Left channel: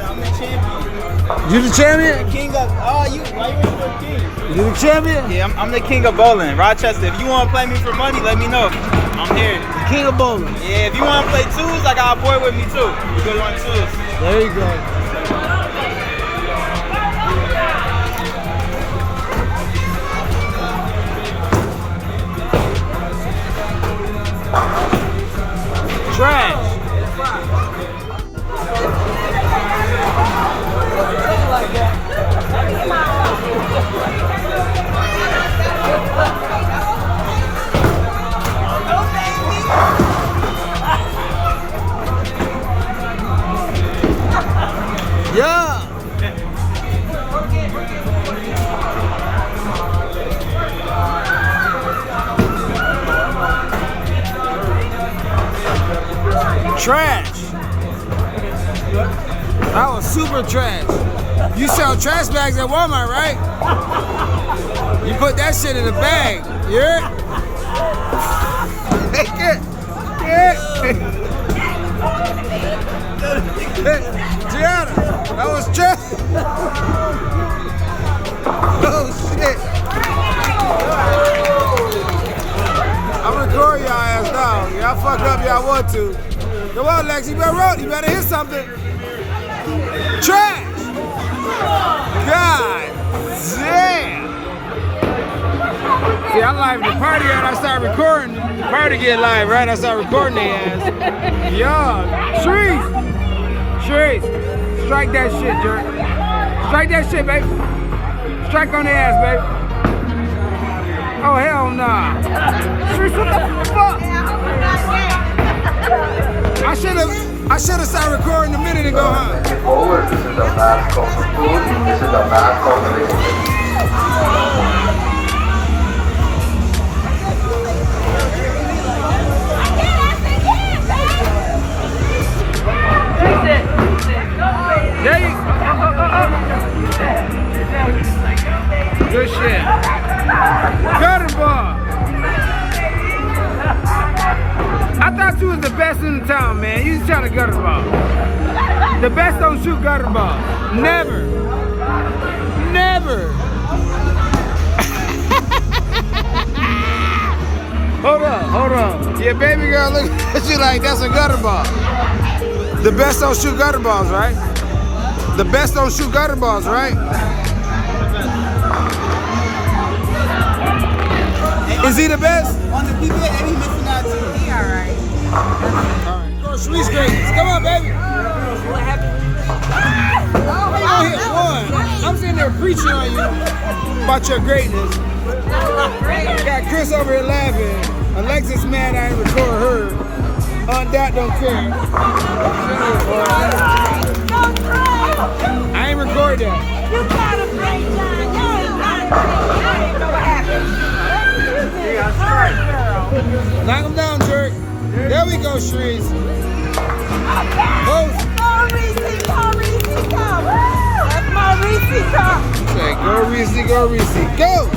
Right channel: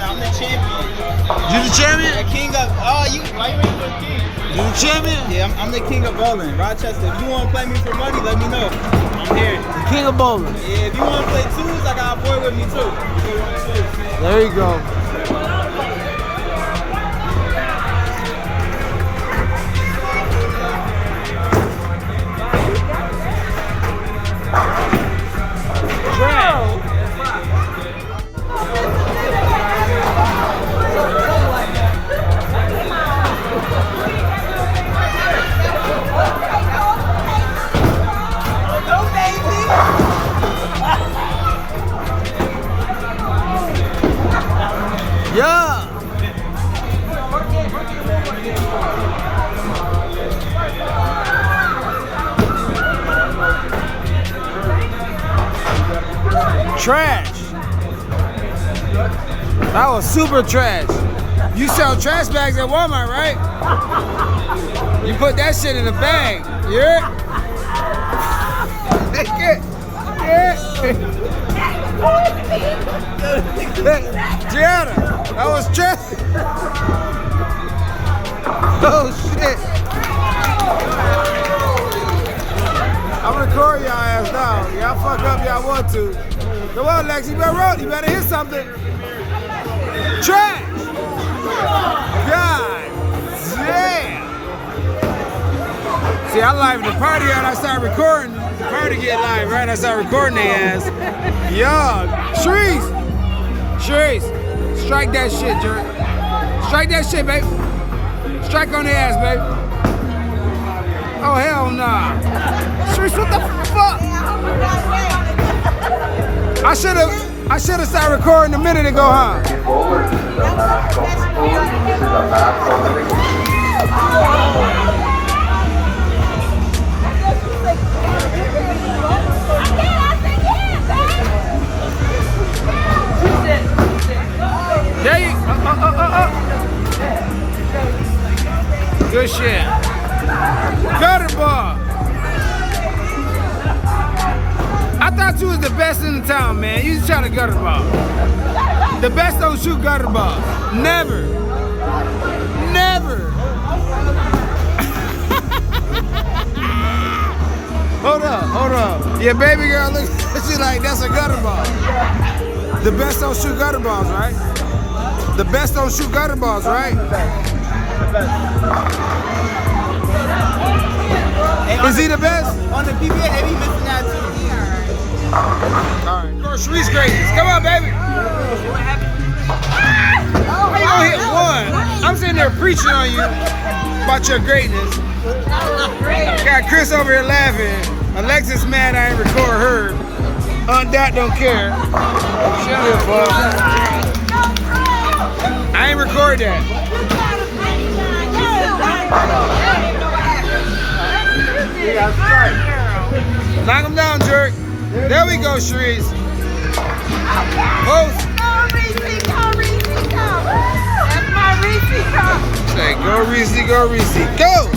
I'm the champion. You the champion? The king of, why you ain't the king? You the champion? Yeah, I'm the king of bowling. Rochester, if you want to play me for money, let me know. I'm here. The king of bowling. Yeah, if you want to play twos, I got a boy with me too. We go on twos. There you go. Trash. Yeah. Trash. That was super trash. You sell trash bags at Walmart, right? You put that shit in a bag. Yeah. Gianna, that was trash. Oh shit. I'm recording y'all ass now. Y'all fuck up y'all want to. Come on, Lex, you better hit something. Trash! God damn! See, I live the party and I start recording. The party get live, right? I start recording their ass. Yo, Sharice, strike that shit, jerk. Strike that shit, babe. Strike on their ass, babe. Oh, hell nah. Sharice, what the fuck? I should have started recording a minute ago, huh? There you Good shit. Gutter ball. I thought you was the best in the town, man. You just try to gutter ball. The best don't shoot gutter balls. Never. Never. Hold up. Yeah, baby girl, look at you like that's a gutter ball. The best don't shoot gutter balls, right? The best don't shoot gutter balls, right? Is he the best? On the PBA, they be missing that too. He alright. Alright. Of course, Sharice greatness. Come on, baby. How you gonna hit one? I'm sitting there preaching on you about your greatness. Got Chris over here laughing. Alexis mad I ain't record her. Dot don't care. Shut up, boy. I ain't record that. Knock him down, jerk. There we go, Sharice. Post. That's my Reese. Say, go Reese, go Reese. Go!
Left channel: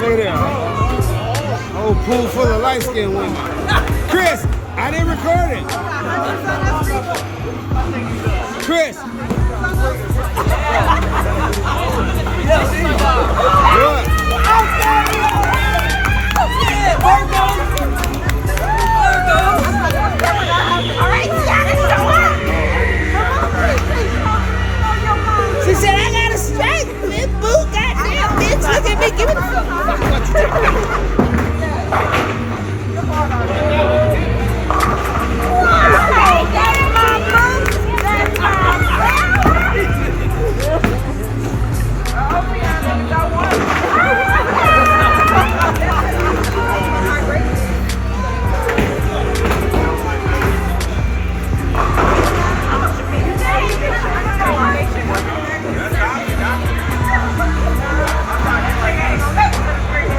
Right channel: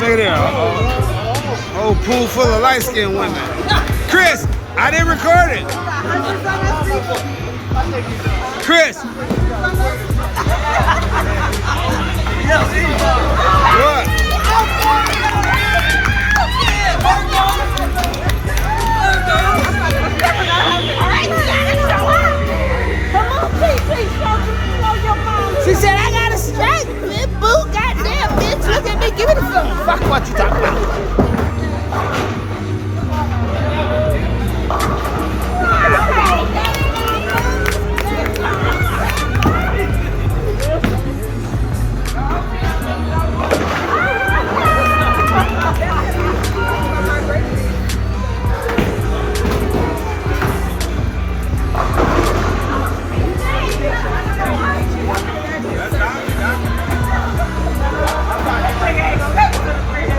Look at that. Whole pool full of light-skinned women. Chris, I didn't record it. Chris. What? She said, I got a strike, man. Boo, goddamn bitch. Look at me. Give me the phone. Fuck what you talking about.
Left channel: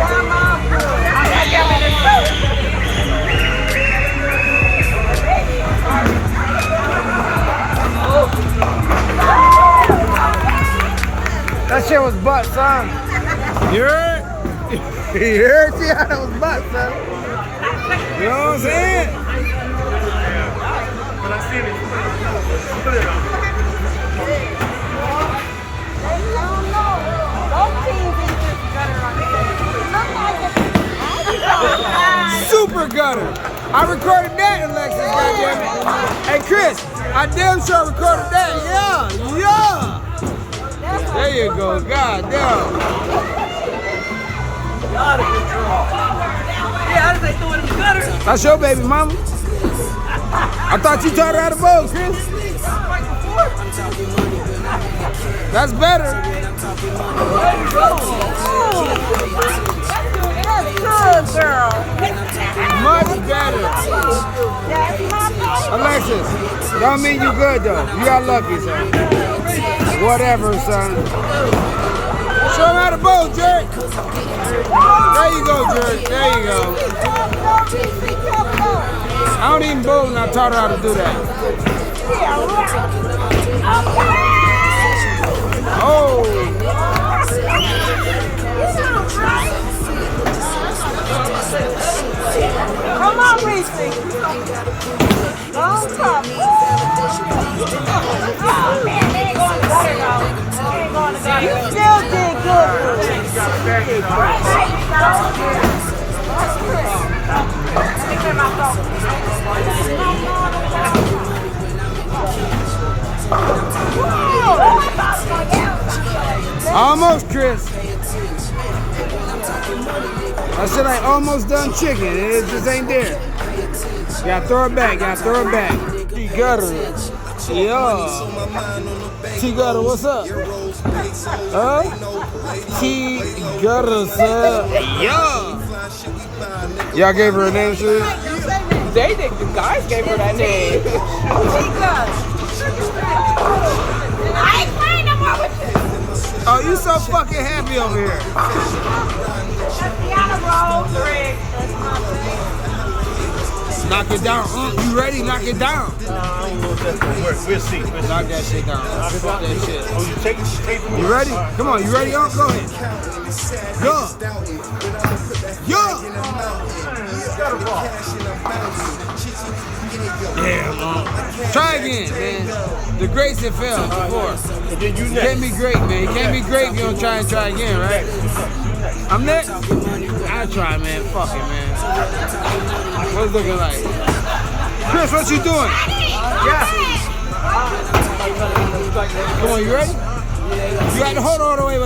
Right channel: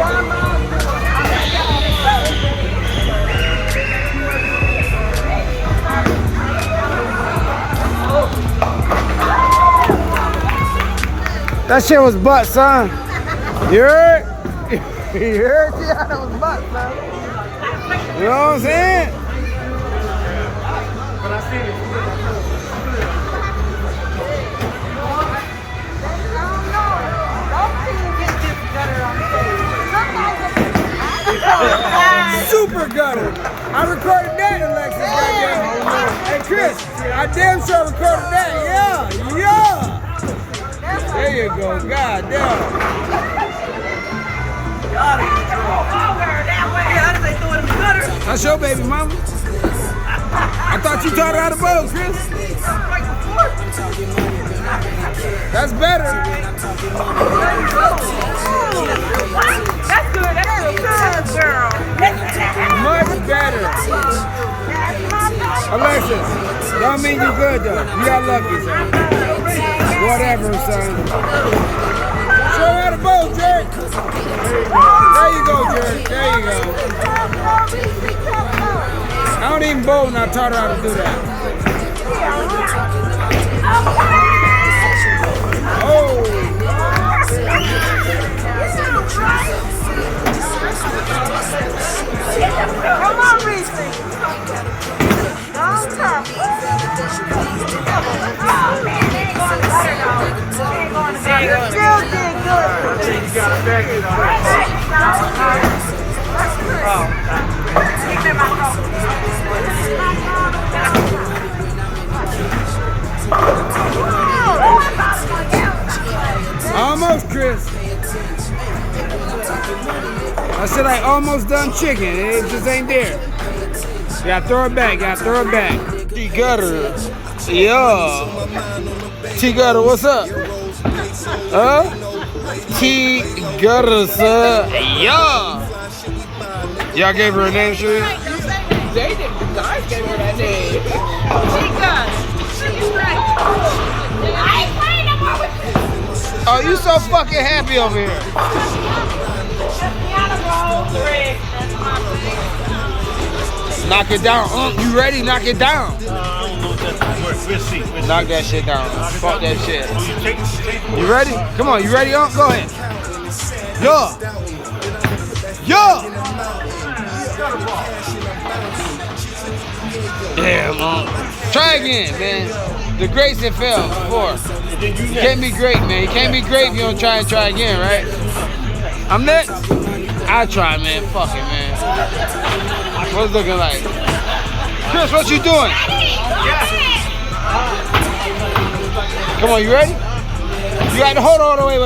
Grandma. That shit was butt, son. You heard? You heard? See how that was butt, son? You know what I'm saying? But I seen it. Super gutter. I recorded that, Alexis, goddammit. Hey, Chris, I damn sure recorded that. Yeah, yeah. There you go, goddamn. That's your baby mama. I thought you taught her how to bowl, Chris. That's better. Much better. Alexis, don't mean you good though. You got lucky, son. Whatever, son. Show him how to bowl, Jerk. There you go, Jerk. There you go. I don't even bowl and I taught her how to do that. Oh. Almost, Chris. I said I almost done chicken. It just ain't there. You gotta throw it back. You gotta throw it back. T-Gutter. Yeah. T-Gutter, what's up? Huh? T-Gutter, sir. Yeah. Y'all gave her a name, sure? They did. I gave her that name. Oh, you so fucking happy over here. Knock it down. You ready? Knock it down. Knock that shit down. Fuck that shit. You ready? Come on, you ready? Go ahead. Yeah. Yeah. Yeah, man. Try again, man. The greats that fell before. You can't be great, man. You can't be great if you don't try again, right? I'm next. I try, man. Fuck it, man. What's it looking like? Chris, what you doing? Come on, you ready? You got to hold on. Wait.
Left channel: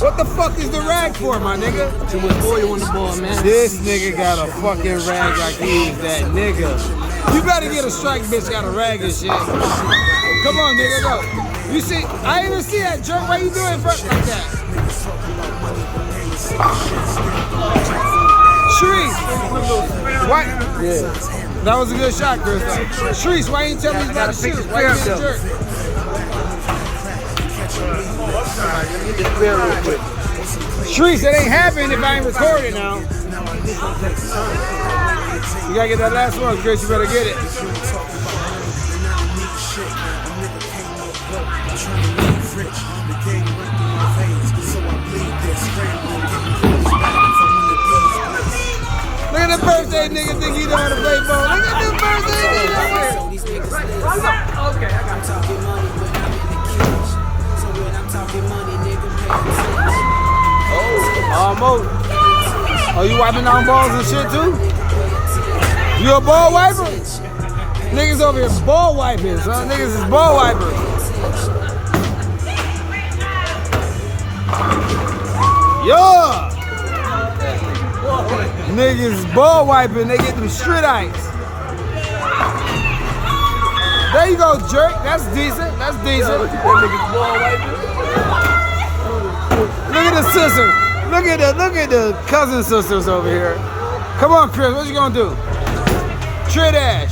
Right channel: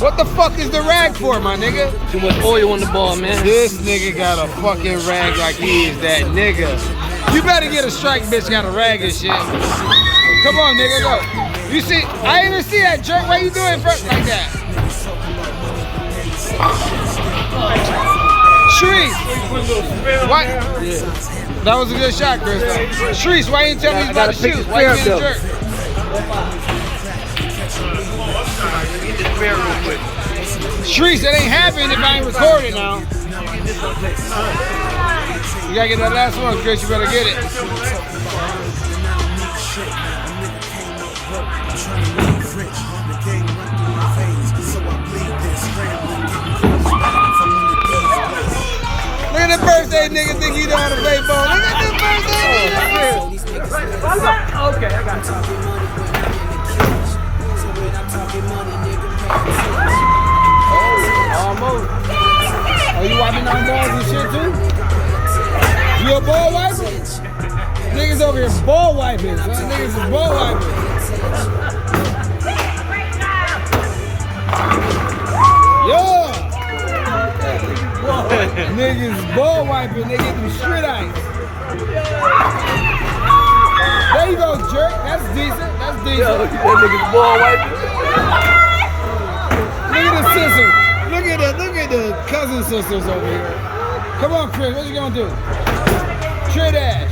What the fuck is the rag for, my nigga? Too much oil on the ball, man. This nigga got a fucking rag like he is that nigga. You better get a strike, bitch. Got a rag and shit. Come on, nigga, go. You see, I didn't even see that jerk. Why you doing front like that? Shreese, what? That was a good shot, Chris. Shreese, why you didn't tell me he's about to shoot? Why you being a jerk? Shreese, that ain't happening if I ain't recording now. You gotta get that last one, Chris. You better get it. Look at the birthday nigga think you know how to play ball. Look at the birthday nigga. Okay. I'm talking money when I'm in the cage. So when I'm talking money, nigga, pay attention. Oh, almost. Oh, you wiping down balls and shit too? You a ball wiper? Niggas over here ball wiping, son. Niggas is ball wipers. Yeah. Niggas ball wiping, they get them straight ice. There you go, jerk. That's decent. That's decent. That niggas ball wiping. Look at the sister. Look at the cousin sisters over here. Come on, Chris. What you gonna do? Trey Dash.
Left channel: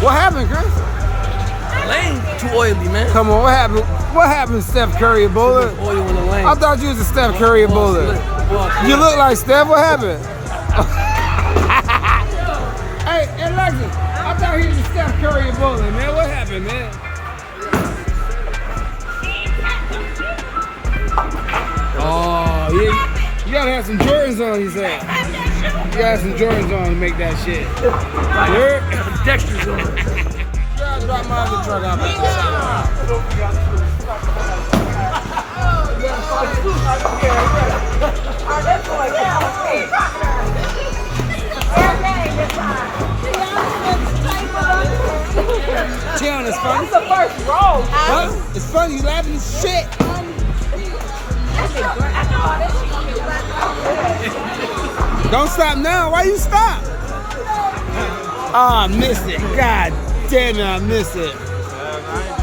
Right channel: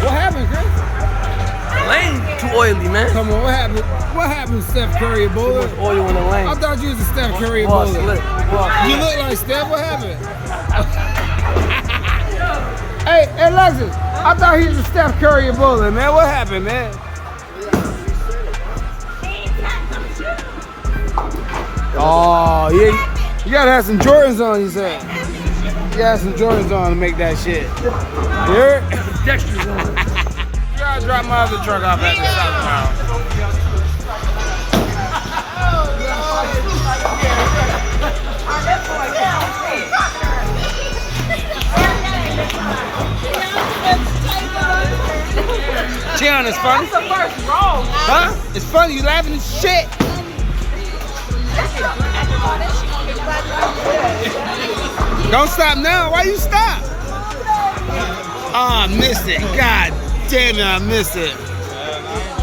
What happened, Chris? The lane too oily, man. Come on, what happened? What happened, Steph Curry, a bowler? Oil in the lane. I thought you was a Steph Curry, a bowler. You look like Steph. What happened? Hey, Alexis, I thought he was a Steph Curry, a bowler, man. What happened, man? Oh, yeah. You gotta have some Jordans on, you said. You gotta have some Jordans on to make that shit. You heard? Dexter's on. You gotta drop my other truck off at the South Round. Chion, it's funny. Huh? It's funny. You laughing at shit. Don't stop now. Why you stop? Oh, I missed it. God damn it, I missed it. I ain't